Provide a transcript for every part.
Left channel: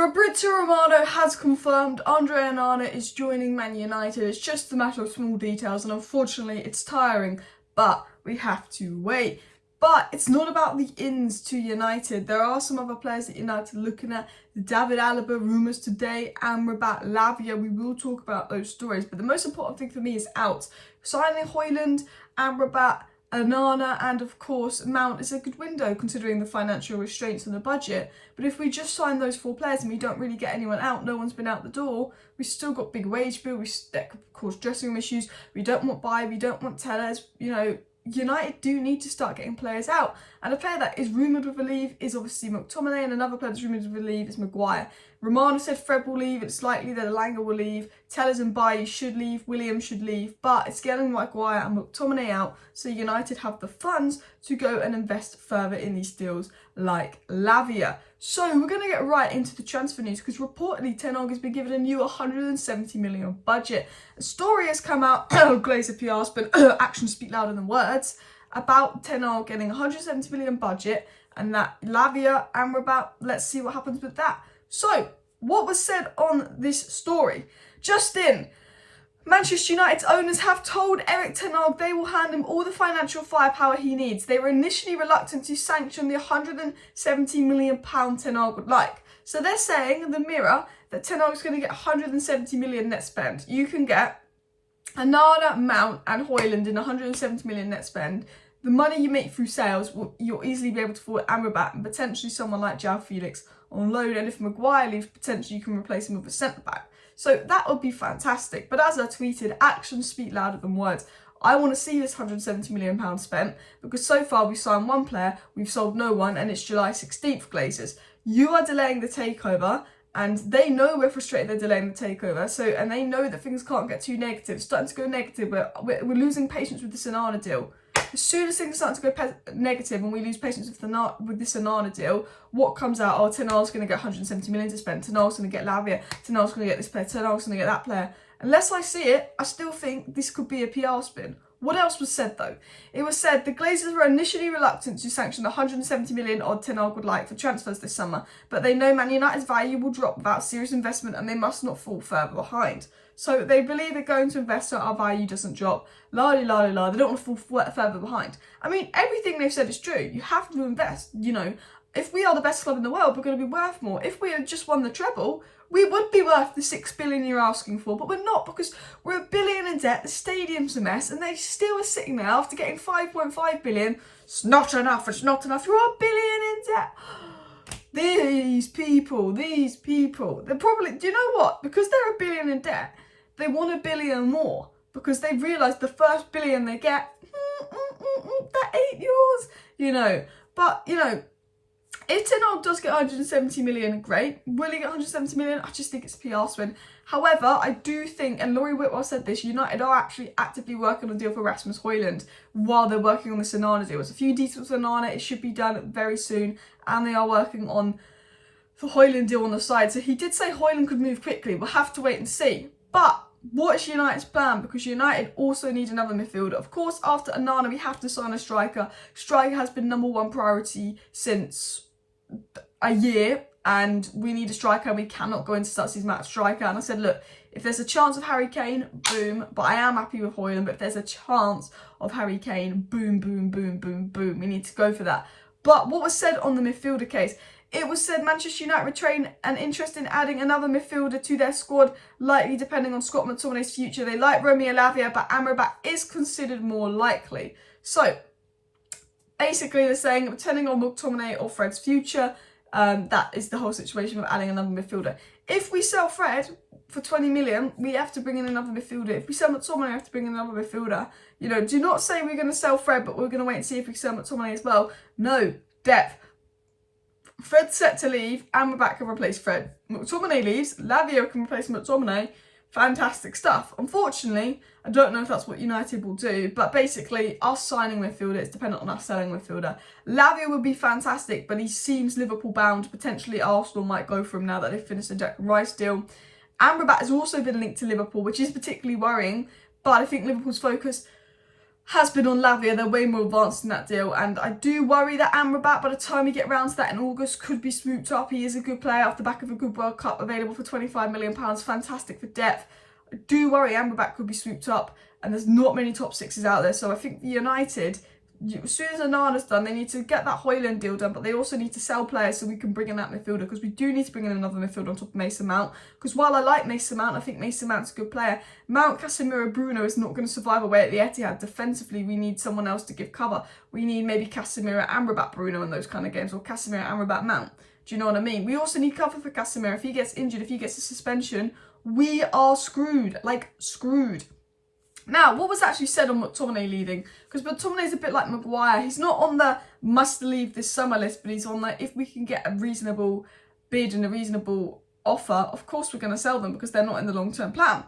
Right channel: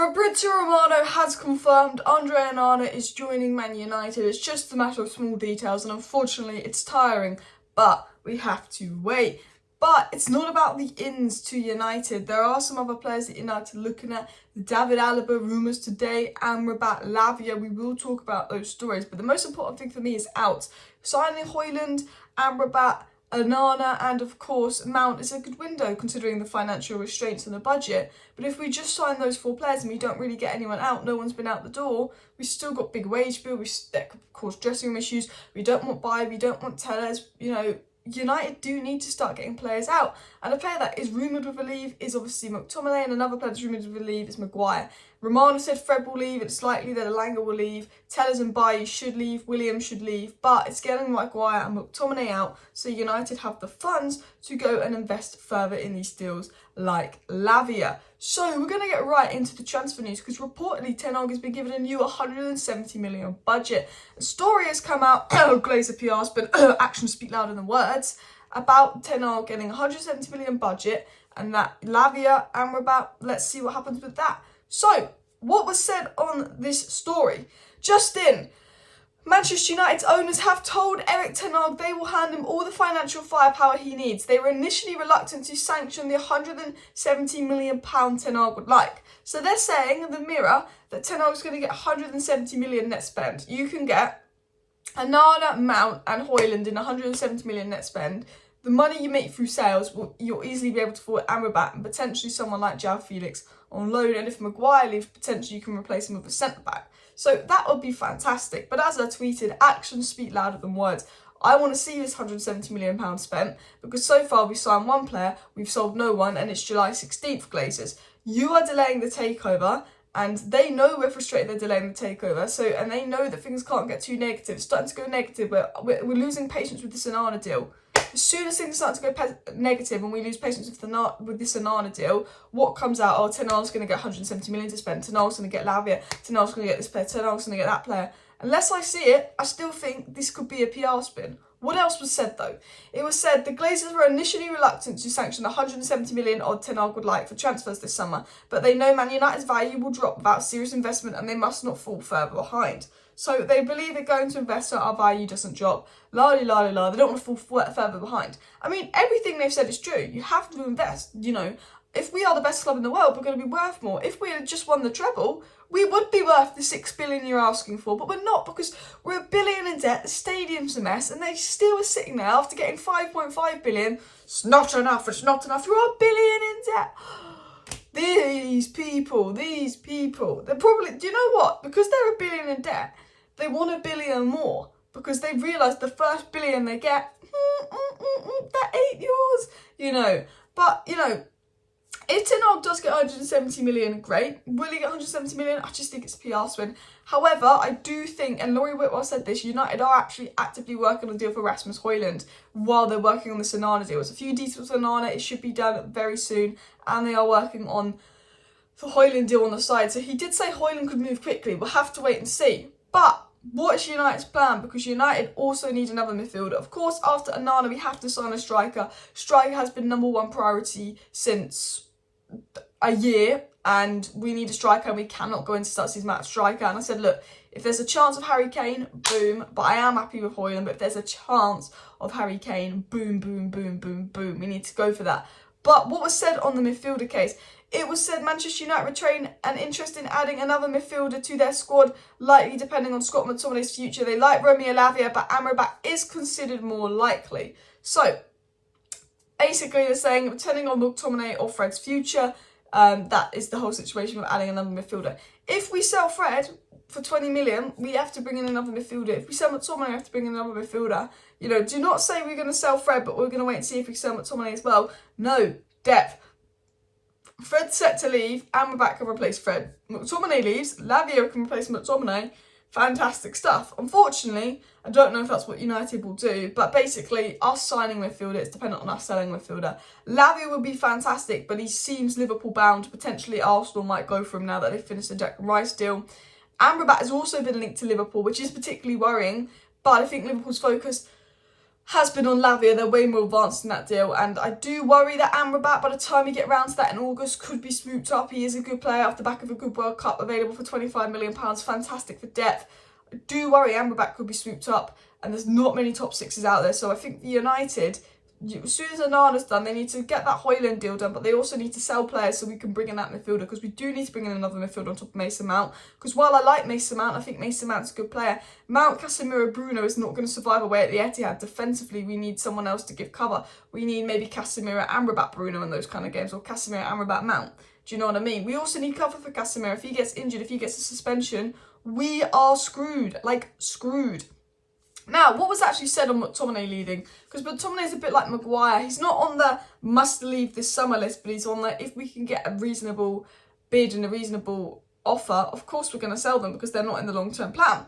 Fabrizio Romano has confirmed Andre Onana is joining Man United. It's just a matter of small details, and unfortunately it's tiring, but we have to wait. But it's not about the ins to United. There are some other players that United are looking at. The David Alaba rumours today, Amrabat, Lavia. We will talk about those stories, but the most important thing for me is out. Signing Højlund, Amrabat, Onana and of course Mount is a good window considering the financial restraints on the budget. But if we just sign those four players and we don't really get anyone out, no one's been out the door, we've still got big wage bill, that could cause dressing room issues. We don't want Bayer, we don't want Tellez. You know, United do need to start getting players out. And a player that is rumoured with a leave is obviously McTominay, and another player that's rumoured with a leave is Maguire. Romano said Fred will leave, it's likely that Alaba will leave, Tellez and Bayer should leave, Williams should leave, but it's getting Maguire and McTominay out, so United have the funds to go and invest further in these deals like Lavia. So we're going to get right into the transfer news, because reportedly Ten Hag has been given a new 170 million budget. A story has come out, Glazer PR spin, actions speak louder than words, about Ten Hag getting 170 million budget, and that Lavia, Amrabat, let's see what happens with that. So, what was said on this story? Just in, Manchester United's owners have told Erik Ten Hag they will hand him all the financial firepower he needs. They were initially reluctant to sanction the £170 million Ten Hag would like. So they're saying in the Mirror that Ten Hag is going to get 170 million net spend. You can get Onana, Mount and Højlund in 170 million net spend. The money you make through sales, you'll easily be able to afford Amrabat and potentially someone like João Felix on loan. And if Maguire leaves, potentially you can replace him with a centre-back. So that would be fantastic. But as I tweeted, actions speak louder than words. I want to see this £170 million spent, because so far we've signed one player, we've sold no one, and it's July 16th, Glazers. You are delaying the takeover, and they know we're frustrated they're delaying the takeover, and they know that things can't get too negative. It's starting to go negative, we're losing patience with this Onana deal. As soon as things start to go negative and we lose patience with this Onana deal, what comes out? Oh, Ten Hag's going to get 170 million to spend. Ten Hag's going to get Lavia. Ten Hag's going to get this player. Ten Hag's going to get that player. Unless I see it, I still think this could be a PR spin. What else was said though? It was said the Glazers were initially reluctant to sanction the 170 million odd Ten Hag would like for transfers this summer, but they know Man United's value will drop without serious investment and they must not fall further behind. So they believe they're going to invest so our value doesn't drop. La la la la. They don't want to fall further behind. I mean, everything they've said is true. You have to invest. You know, if we are the best club in the world, we're going to be worth more. If we had just won the treble, we would be worth the 6 billion you're asking for, but we're not, because we're $1 billion in debt, the stadium's a mess, and they still are sitting there after getting 5.5 billion. It's not enough, it's not enough, you're $1 billion in debt. These people, they're probably, do you know what? Because they're $1 billion in debt, they want $1 billion more, because they've realised the first billion they get, that ain't yours, you know. But, you know, if Ten Hag does get 170 million, great. Will he get 170 million? I just think it's a PR spin. However, I do think, and Laurie Whitwell said this, United are actually actively working on a deal for Rasmus Højlund while they're working on the Onana deal. There's a few details on Onana, it should be done very soon, and they are working on the Højlund deal on the side. So he did say Højlund could move quickly. We'll have to wait and see. But what is United's plan? Because United also need another midfielder. Of course, after Onana, we have to sign a striker. Striker has been #1 priority since a year, and we need a striker, and we cannot go into start season without a striker. And I said, look, if there's a chance of Harry Kane, boom. But I am happy with Højlund. But if there's a chance of Harry Kane, boom, boom, boom, boom, boom. We need to go for that. But what was said on the midfielder case? It was said Manchester United retain an interest in adding another midfielder to their squad, likely depending on Scott McTominay's future. They like Romeo Lavia, but Amrabat is considered more likely. So, basically they're saying, depending on McTominay or Fred's future, that is the whole situation of adding another midfielder. If we sell Fred for 20 million, we have to bring in another midfielder. If we sell McTominay, we have to bring in another midfielder. You know, do not say we're going to sell Fred, but we're going to wait and see if we sell McTominay as well. No, depth. Fred's set to leave, Amrabat can replace Fred. McTominay leaves, Lavia can replace McTominay. Fantastic stuff. Unfortunately, I don't know if that's what United will do, but basically, us signing midfielder is dependent on us selling midfielder. Lavia would be fantastic, but he seems Liverpool bound. Potentially, Arsenal might go for him now that they've finished the Declan Rice deal. Amrabat has also been linked to Liverpool, which is particularly worrying, but I think Liverpool's focus has been on Lavia. They're way more advanced in that deal, and I do worry that Amrabat, by the time we get round to that in August, could be swooped up. He is a good player off the back of a good World Cup, available for £25 million, fantastic for depth. I do worry Amrabat could be swooped up, and there's not many top sixes out there, so I think United, as soon as Onana's done, they need to get that Højlund deal done, but they also need to sell players so we can bring in that midfielder, because we do need to bring in another midfielder on top of Mason Mount, because while I like Mason Mount, I think Mason Mount's a good player, Mount, Casemiro, Bruno is not going to survive away at the Etihad. Defensively, we need someone else to give cover. We need maybe Casemiro, Amrabat, Bruno in those kind of games, or Casemiro, Amrabat, Mount. Do you know what I mean? We also need cover for Casemiro. If he gets injured, if he gets a suspension, we are screwed, like screwed. Now, what was actually said on McTominay leaving? Because McTominay is a bit like Maguire. He's not on the must leave this summer list, but he's on the if we can get a reasonable bid and a reasonable offer, of course we're going to sell them because they're not in the long-term plan.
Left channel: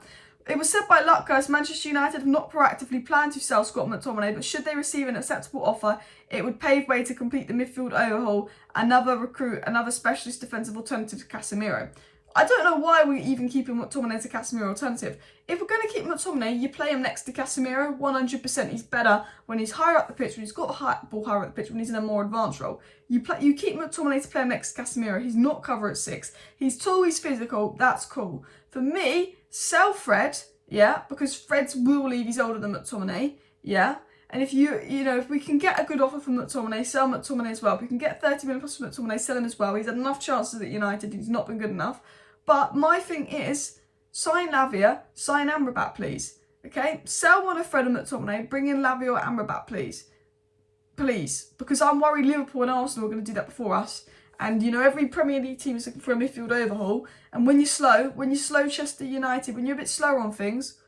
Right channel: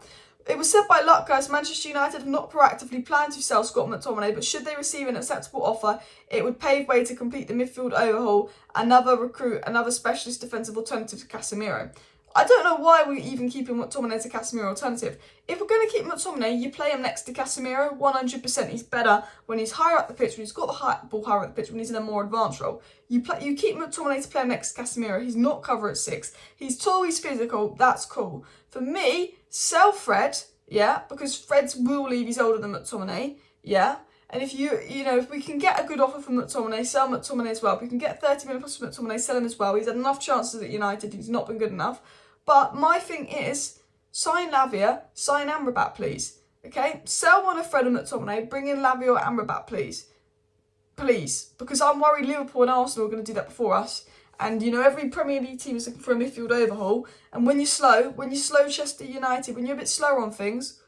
It was said by Luck, guys, Manchester United have not proactively planned to sell Scott McTominay, but should they receive an acceptable offer, it would pave way to complete the midfield overhaul, another recruit, another specialist defensive alternative to Casemiro. I don't know why we're even keeping McTominay as a Casemiro alternative. If we're going to keep McTominay, you play him next to Casemiro, 100%. He's better when he's higher up the pitch, when he's got the ball higher up the pitch, when he's in a more advanced role. You keep McTominay to play him next to Casemiro. He's not cover at 6. He's tall, he's physical, that's cool. For me, sell Fred, yeah, because Fred's will leave, he's older than McTominay, yeah. And if if we can get a good offer from McTominay, sell McTominay as well. If we can get 30 million plus from McTominay, sell him as well. He's had enough chances at United, he's not been good enough. But my thing is, sign Lavia, sign Amrabat, please. Okay? Sell one of Fred and McTominay, bring in Lavia or Amrabat, please. Please. Because I'm worried Liverpool and Arsenal are going to do that before us. And, every Premier League team is looking for a midfield overhaul. And when you're slow Chester United, when you're a bit slower on things,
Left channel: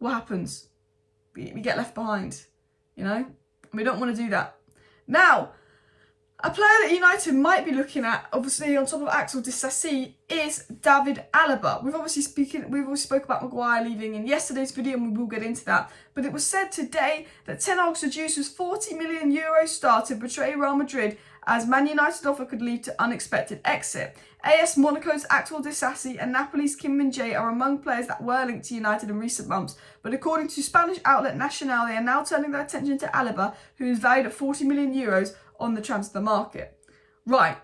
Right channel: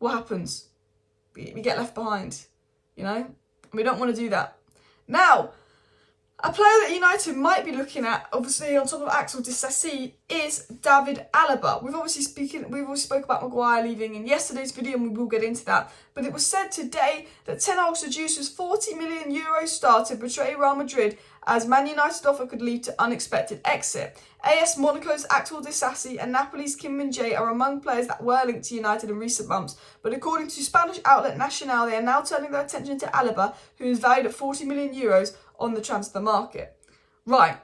what happens? We get left behind. We don't want to do that. Now, a player that United might be looking at, obviously on top of Axel Disasi, is David Alaba. We've already spoke about Maguire leaving in yesterday's video, and we will get into that. But it was said today that Ten Hag seduces €40 million star to betray Real Madrid, as Man United offer could lead to unexpected exit. AS Monaco's Axel Disasi and Napoli's Kim Min-jae are among players that were linked to United in recent months, but according to Spanish outlet Nacional, they are now turning their attention to Alaba, who is valued at €40 million on the transfer market. Right,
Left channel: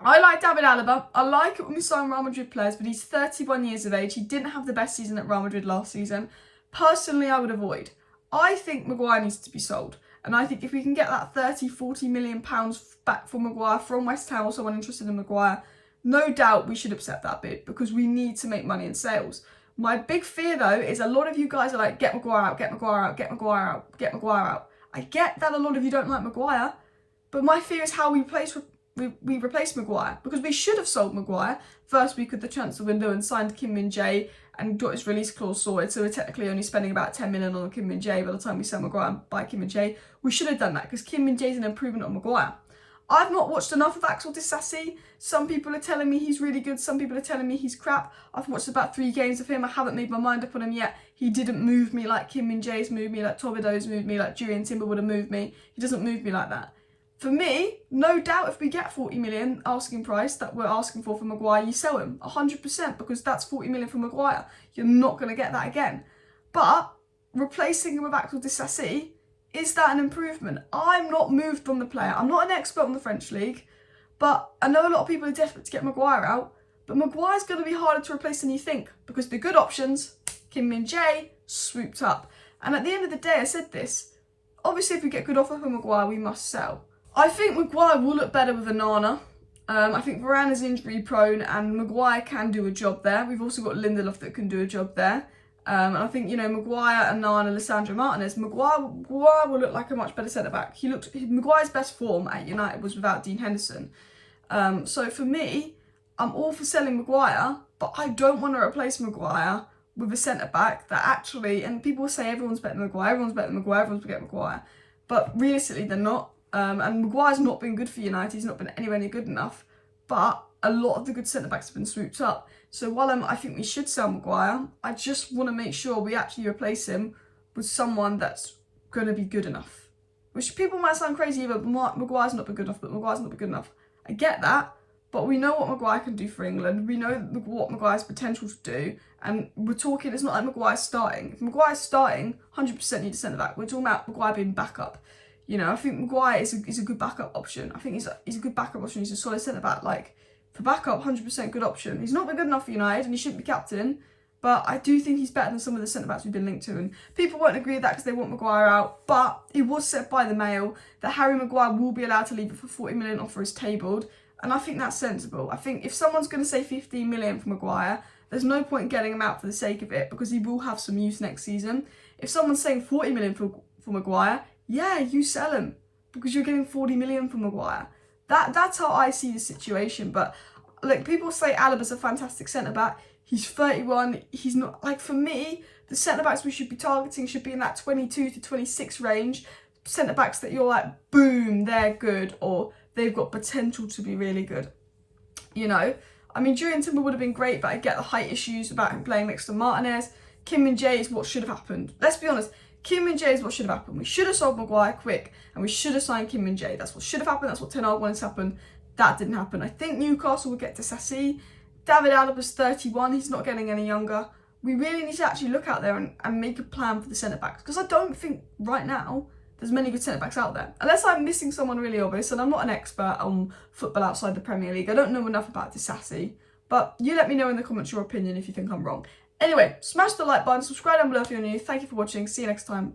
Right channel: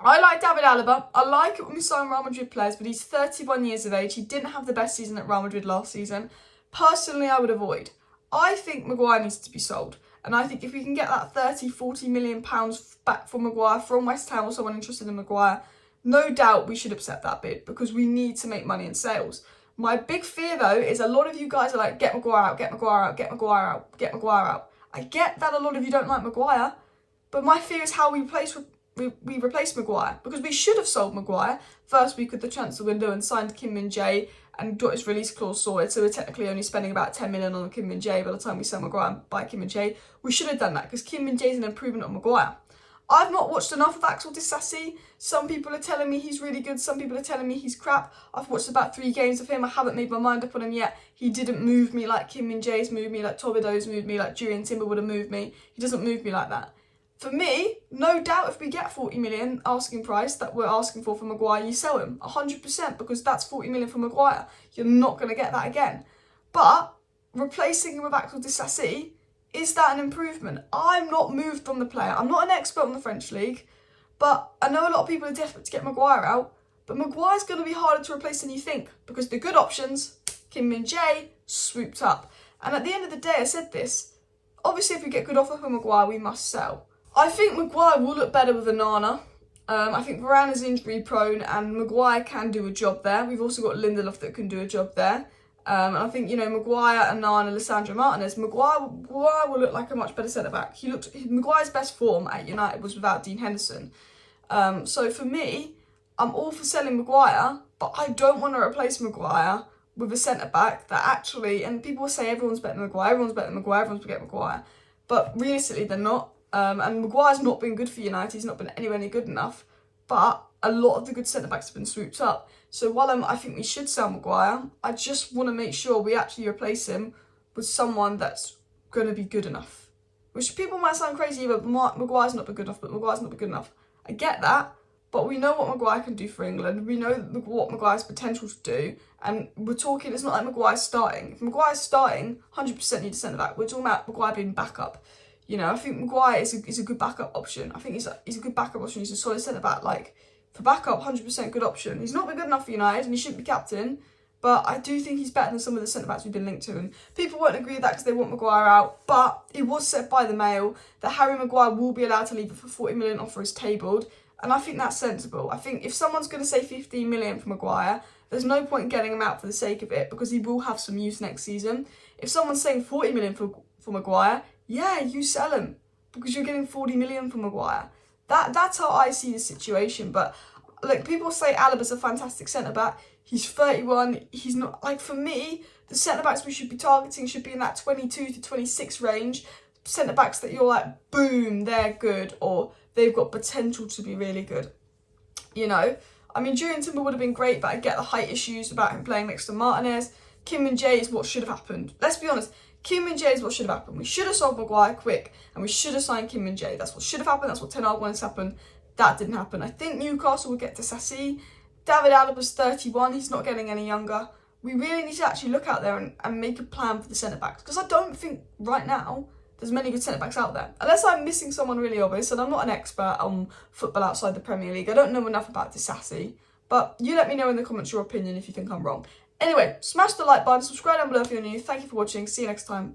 I like David Alaba. I like it when we sign Real Madrid players, but he's 31 years of age. He didn't have the best season at Real Madrid last season. Personally, I would avoid. I think Maguire needs to be sold. And I think if we can get that £40 million back from Maguire from West Ham or someone interested in Maguire, no doubt we should accept that bid because we need to make money in sales. My big fear, though, is a lot of you guys are like, get Maguire out, get Maguire out, get Maguire out, get Maguire out. I get that a lot of you don't like Maguire, but my fear is how we replace Maguire, because we should have sold Maguire first week of the transfer window and signed Kim Min-jae and got his release clause sorted, so we're technically only spending about 10 million on Kim Min-jae by the time we sell Maguire and buy Kim Min-jae. We should have done that because Kim Min-jae is an improvement on Maguire. I've not watched enough of Axel Disasi. Some people are telling me he's really good, some people are telling me he's crap. I've watched about 3 games of him. I haven't made my mind up on him yet. He didn't move me like Kim Min-jae's moved me, like Tobido's moved me, like Julian Timber would have moved me. He doesn't move me like that. For me, no doubt if we get 40 million asking price that we're asking for Maguire, you sell him 100%, because that's 40 million for Maguire. You're not going to get that again. But replacing him with Axel Disasi, is that an improvement? I'm not moved on the player. I'm not an expert on the French league, but I know a lot of people are desperate to get Maguire out. But Maguire's going to be harder to replace than you think, because the good options, Kim Min-jae, swooped up. And at the end of the day, I said this, obviously if we get good offer for Maguire, we must sell. I think Maguire will look better with Onana. I think Varane is injury prone and Maguire can do a job there. We've also got Lindelof that can do a job there. And I think, Maguire, Onana, Lissandro Martinez, Maguire will look like a much better centre-back. Maguire's best form at United was without Dean Henderson. So for me, I'm all for selling Maguire, but I don't want to replace Maguire with a centre-back that actually, and people say everyone's better than Maguire, everyone's better than Maguire, everyone's better than Maguire. But realistically, they're not. And Maguire's not been good for United. He's not been anywhere near good enough. But a lot of the good centre-backs have been swooped up. So while I think we should sell Maguire, I just want to make sure we actually replace him with someone that's going to be good enough. Which people might sound crazy, but Maguire's not been good enough, I get that. but we know what Maguire can do for England. We know what Maguire's potential to do. And we're talking, it's not like Maguire's starting. If Maguire's starting, 100% need a centre-back. We're talking about Maguire being backup. You know, I think Maguire is a good backup option. I think he's a good backup option. He's a solid centre-back. Like, for backup, 100% good option. He's not been good enough for United and he shouldn't be captain. But I do think he's better than some of the centre-backs we've been linked to. And people won't agree with that because they want Maguire out. But it was said by the Mail that Harry Maguire will be allowed to leave if a 40 million offer is tabled. And I think that's sensible. I think if someone's going to say 15 million for Maguire, there's no point in getting him out for the sake of it because he will have some use next season. If someone's saying 40 million for Maguire, yeah, you sell him because you're getting 40 million for Maguire. That's how I see the situation. But look, people say Alaba's a fantastic centre-back. He's 31. He's not, like, for me, the centre-backs we should be targeting should be in that 22 to 26 range. Centre-backs that you're like, boom, they're good, or they've got potential to be really good. You know, I mean, Julian Timber would have been great, but I get the height issues about him playing next to Martinez. Kim Min-jae is what should have happened. Let's be honest, Kim Min-jae is what should have happened. We should have sold Maguire quick, and we should have signed Kim Min-jae. That's what should have happened. That's what Ten Hag wanted to happen. That didn't happen. I think Newcastle will get to Sassi. David Alaba's 31. He's not getting any younger. We really need to actually look out there and make a plan for the centre-backs, because I don't think right now there's many good centre-backs out there. Unless I'm missing someone really obvious, and I'm not an expert on football outside the Premier League. I don't know enough about Disassi. But you let me know in the comments your opinion if you think I'm wrong. Anyway, smash the like button, subscribe down below if you're new. Thank you for watching. See you next time.